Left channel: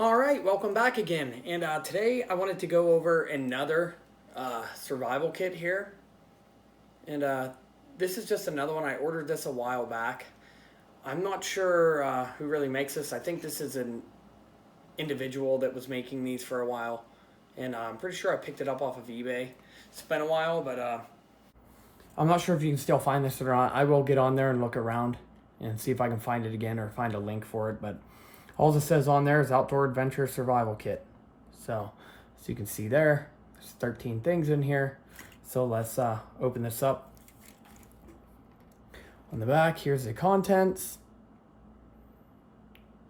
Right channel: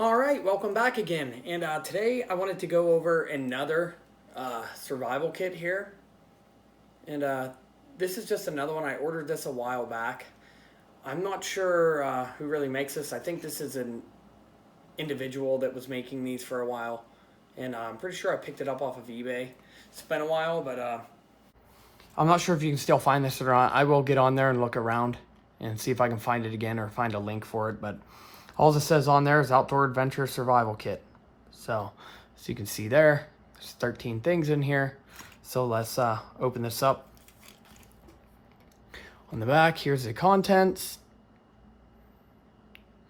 All right, welcome back again. And today I wanted to go over another survival kit here. And this is just another one. I ordered this a while back. I'm not sure who really makes this. I think this is an individual that was making these for a while. And I'm pretty sure I picked it up off of eBay. It's been a while, but I'm not sure if you can still find this or not. I will get on there and look around and see if I can find it again or find a link for it. But all it says on there is Outdoor Adventure Survival Kit. So, as you can see there, there's 13 things in here. So let's open this up. On the back, here's the contents.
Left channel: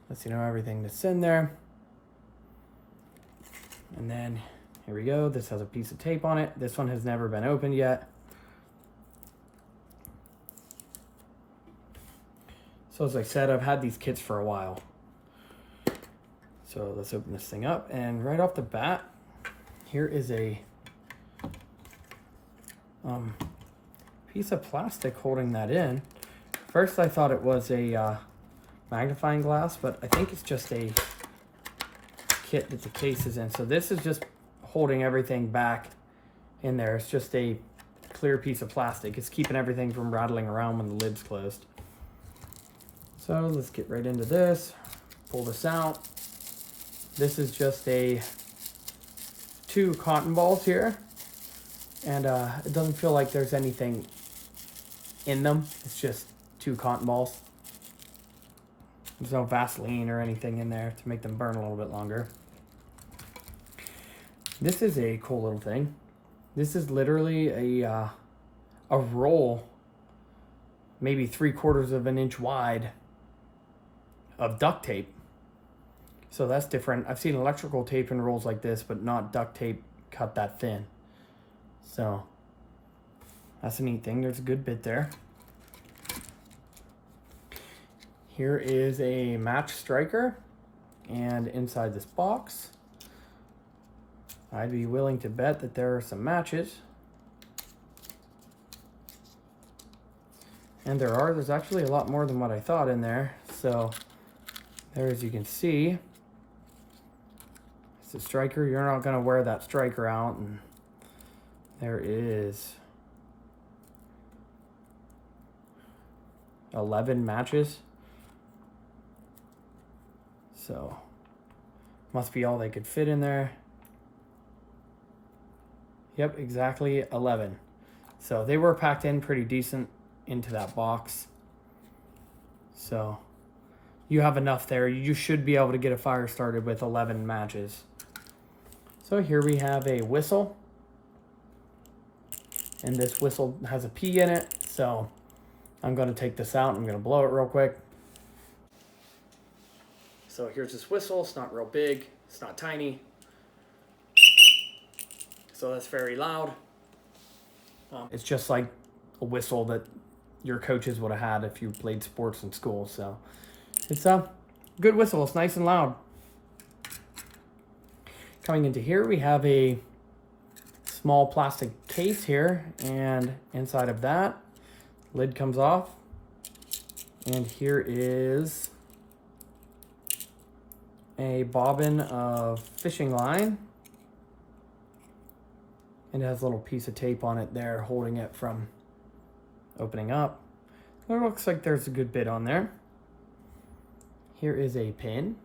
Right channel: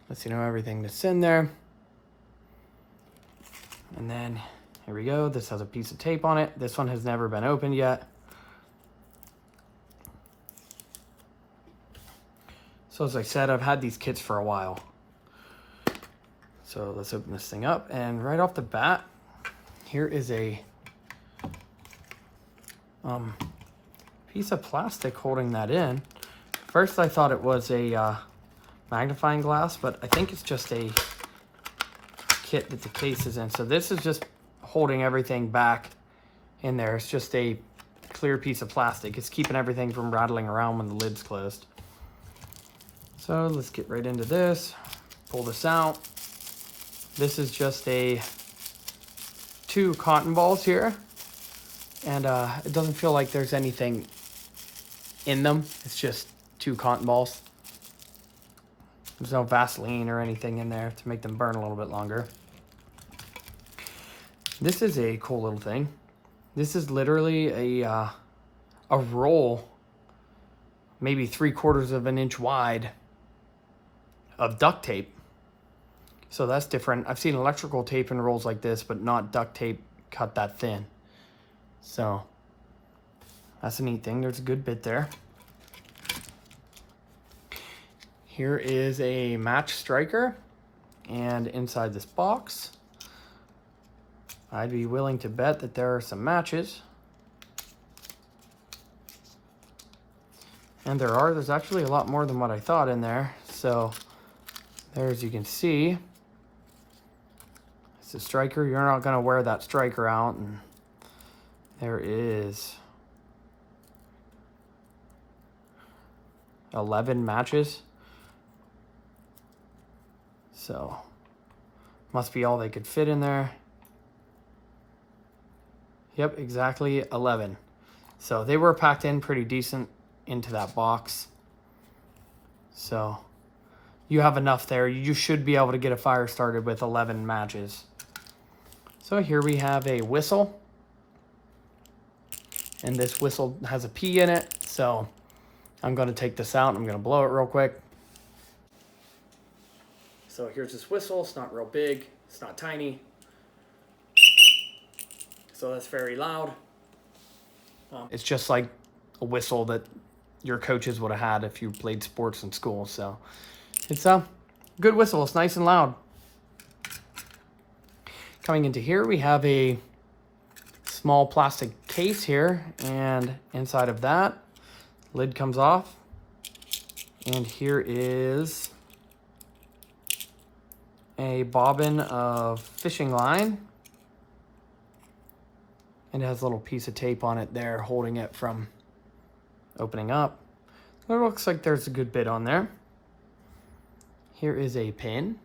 Lets you know everything that's in there. And then, here we go. This has a piece of tape on it. This one has never been opened yet. So as I said, I've had these kits for a while. So let's open this thing up, and right off the bat, here is a piece of plastic holding that in. First I thought it was a magnifying glass, but I think it's just a kit that the case is in. So this is just holding everything back in there. It's just a clear piece of plastic. It's keeping everything from rattling around when the lid's closed. So let's get right into this. Pull this out. This is just two cotton balls here, and it doesn't feel like there's anything in them. It's just two cotton balls. There's no Vaseline or anything in there to make them burn a little bit longer. This is a cool little thing. This is literally a roll, maybe 3/4 of an inch wide, of duct tape. So that's different. I've seen electrical tape in rolls like this, but not duct tape cut that thin. So that's a neat thing. There's a good bit there. Here is a match striker, and inside this box, I'd be willing to bet that there are some matches. And there's actually a lot more than what I thought in there. So there, as you can see, it's a striker. You're not going to wear that striker out. And there is 11 matches. So must be all they could fit in there. Yep, exactly 11. So they were packed in pretty decent into that box. So you have enough there. You should be able to get a fire started with 11 matches. So here we have a whistle. And this whistle has a P in it. So I'm going to take this out. I'm going to blow it real quick. So here's this whistle. It's not real big. It's not tiny. So that's very loud. It's just like a whistle that your coaches would have had if you played sports in school. So it's a good whistle. It's nice and loud. Coming into here, we have a small plastic case here, and inside of that, lid comes off. And here is a bobbin of fishing line. And it has a little piece of tape on it there holding it from opening up. It looks like there's a good bit on there. Here is a pin.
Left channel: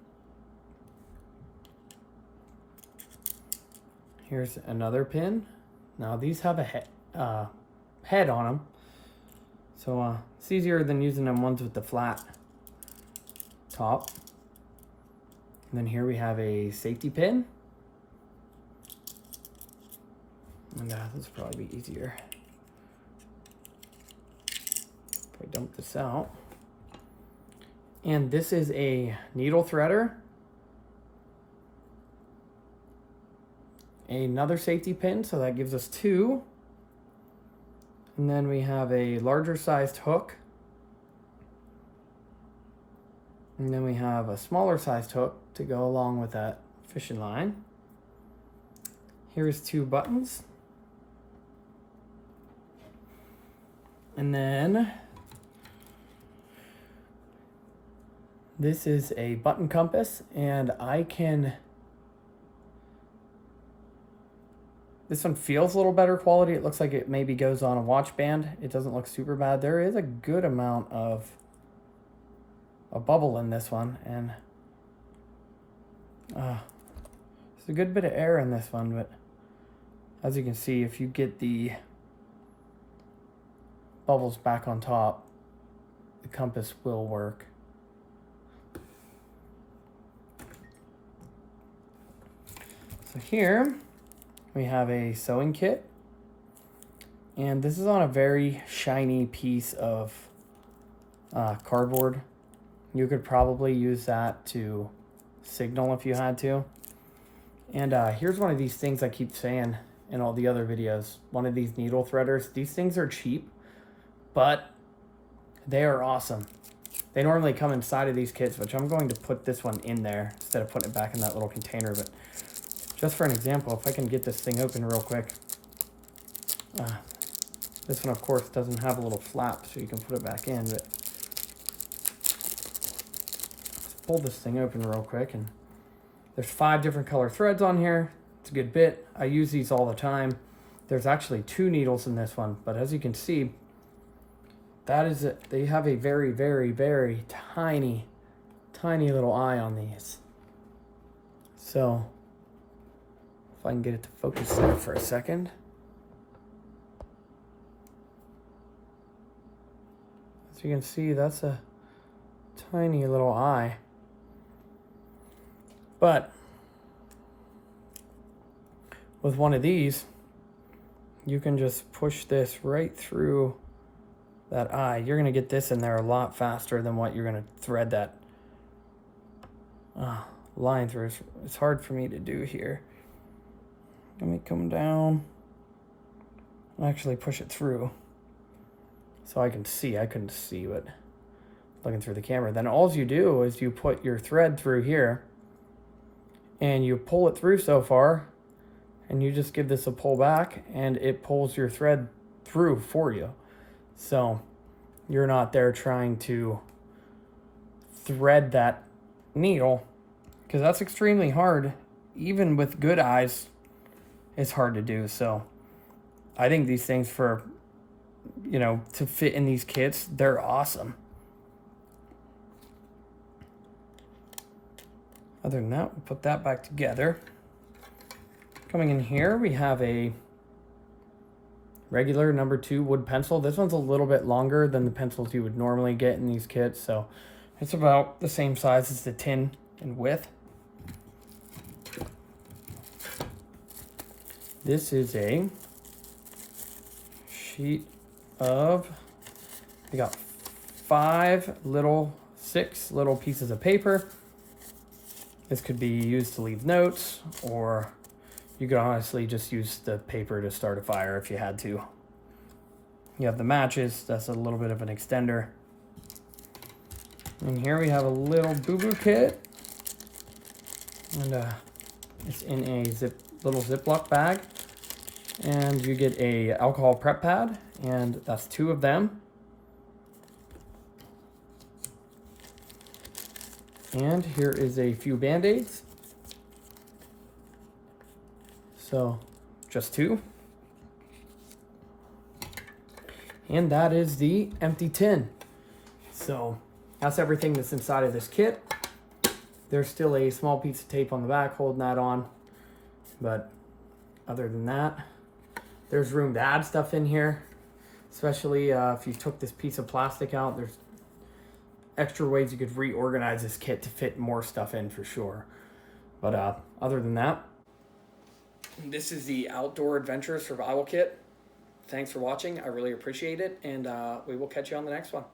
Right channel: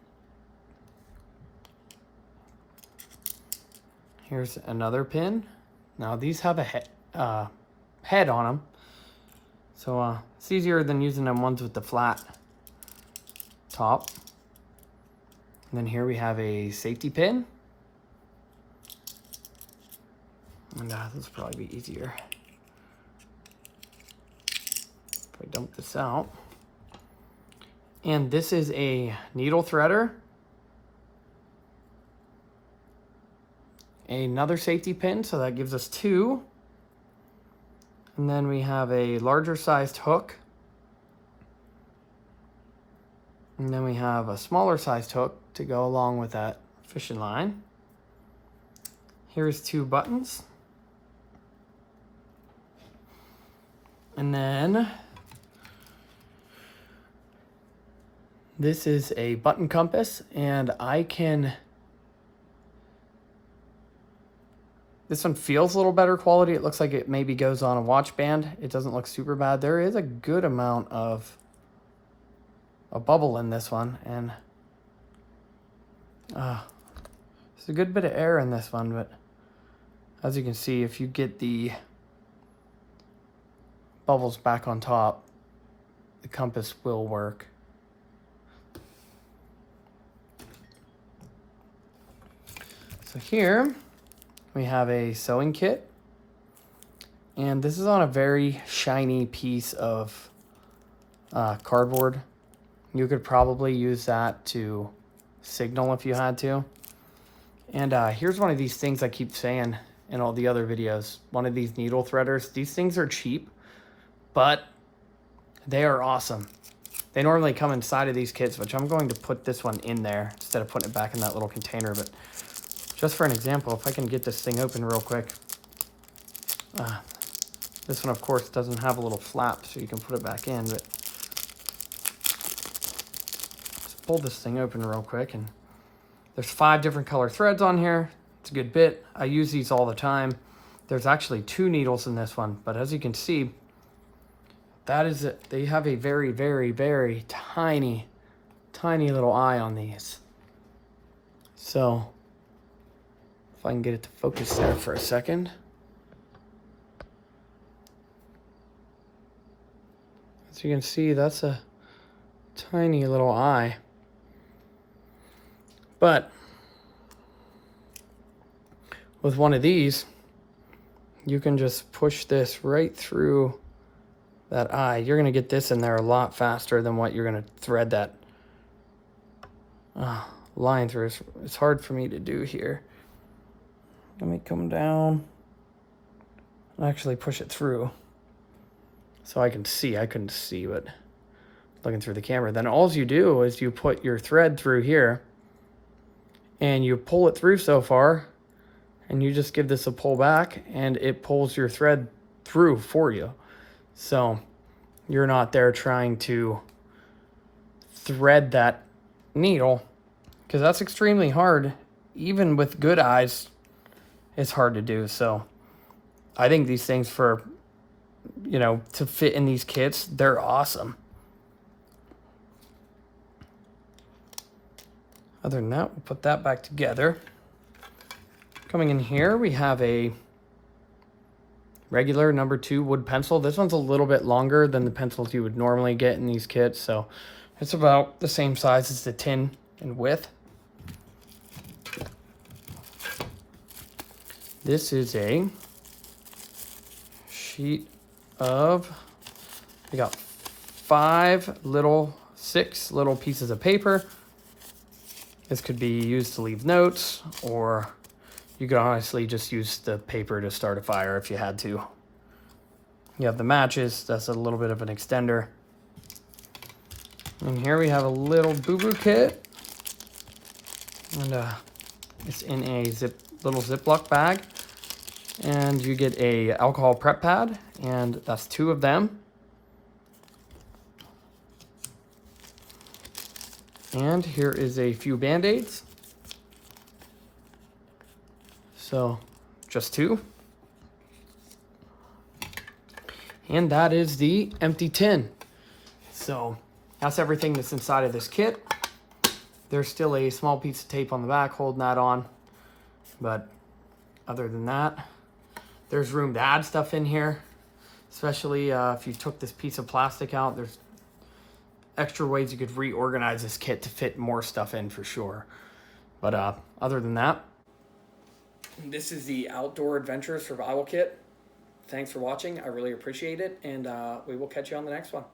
Here's another pin. Now these have a head on them. So it's easier than using them ones with the flat top. And then here we have a safety pin. And this will probably be easier if I dump this out. And this is a needle threader, another safety pin, so that gives us 2. And then we have a larger sized hook. And then we have a smaller sized hook to go along with that fishing line. Here's 2 buttons. And then This is a button compass, and this one feels a little better quality. It looks like it maybe goes on a watch band. It doesn't look super bad. There is a good amount of a bubble in this one, and there's a good bit of air in this one, but as you can see, if you get the bubbles back on top, the compass will work. So here we have a sewing kit, and this is on a very shiny piece of cardboard. You could probably use that to signal if you had to. And here's one of these things I keep saying in all the other videos. One of these needle threaders. These things are cheap, but they are awesome. They normally come inside of these kits, which I'm going to put this one in there instead of putting it back in that little container. But just for an example, if I can get this thing open real quick. This one, of course, doesn't have a little flap, so you can put it back in. But let's pull this thing open real quick. And there's 5 different color threads on here. It's a good bit. I use these all the time. There's actually 2 needles in this one, but as you can see, that is it. They have a very, very, very tiny little eye on these. So if I can get it to focus there for a second. As you can see, that's a tiny little eye. But with one of these, you can just push this right through that eye. You're going to get this in there a lot faster than what you're going to thread that line through. It's hard for me to do here. Let me come down and actually push it through so I can see. I couldn't see, but looking through the camera. Then all you do is you put your thread through here and you pull it through so far, and you just give this a pull back and it pulls your thread through for you. So you're not there trying to thread that needle, because that's extremely hard. Even with good eyes, it's hard to do. So I think these things for, to fit in these kits, they're awesome. Other than that, we'll put that back together. Coming in here, we have a regular number 2 wood pencil. This one's a little bit longer than the pencils you would normally get in these kits, so it's about the same size as the tin in width. This is a sheet of, we got 6 little pieces of paper. This could be used to leave notes, or you could honestly just use the paper to start a fire if you had to. You have the matches. That's a little bit of an extender. And here we have a little boo-boo kit. And it's in a little Ziploc bag. And you get a alcohol prep pad, and that's 2 of them. And here is a few Band-Aids. So just 2. And that is the empty tin. So that's everything that's inside of this kit. There's still a small piece of tape on the back holding that on. But other than that, there's room to add stuff in here. Especially if you took this piece of plastic out, there's extra ways you could reorganize this kit to fit more stuff in for sure. But other than that, this is the Outdoor Adventure Survival Kit. Thanks for watching. I really appreciate it, and we will catch you on the next one.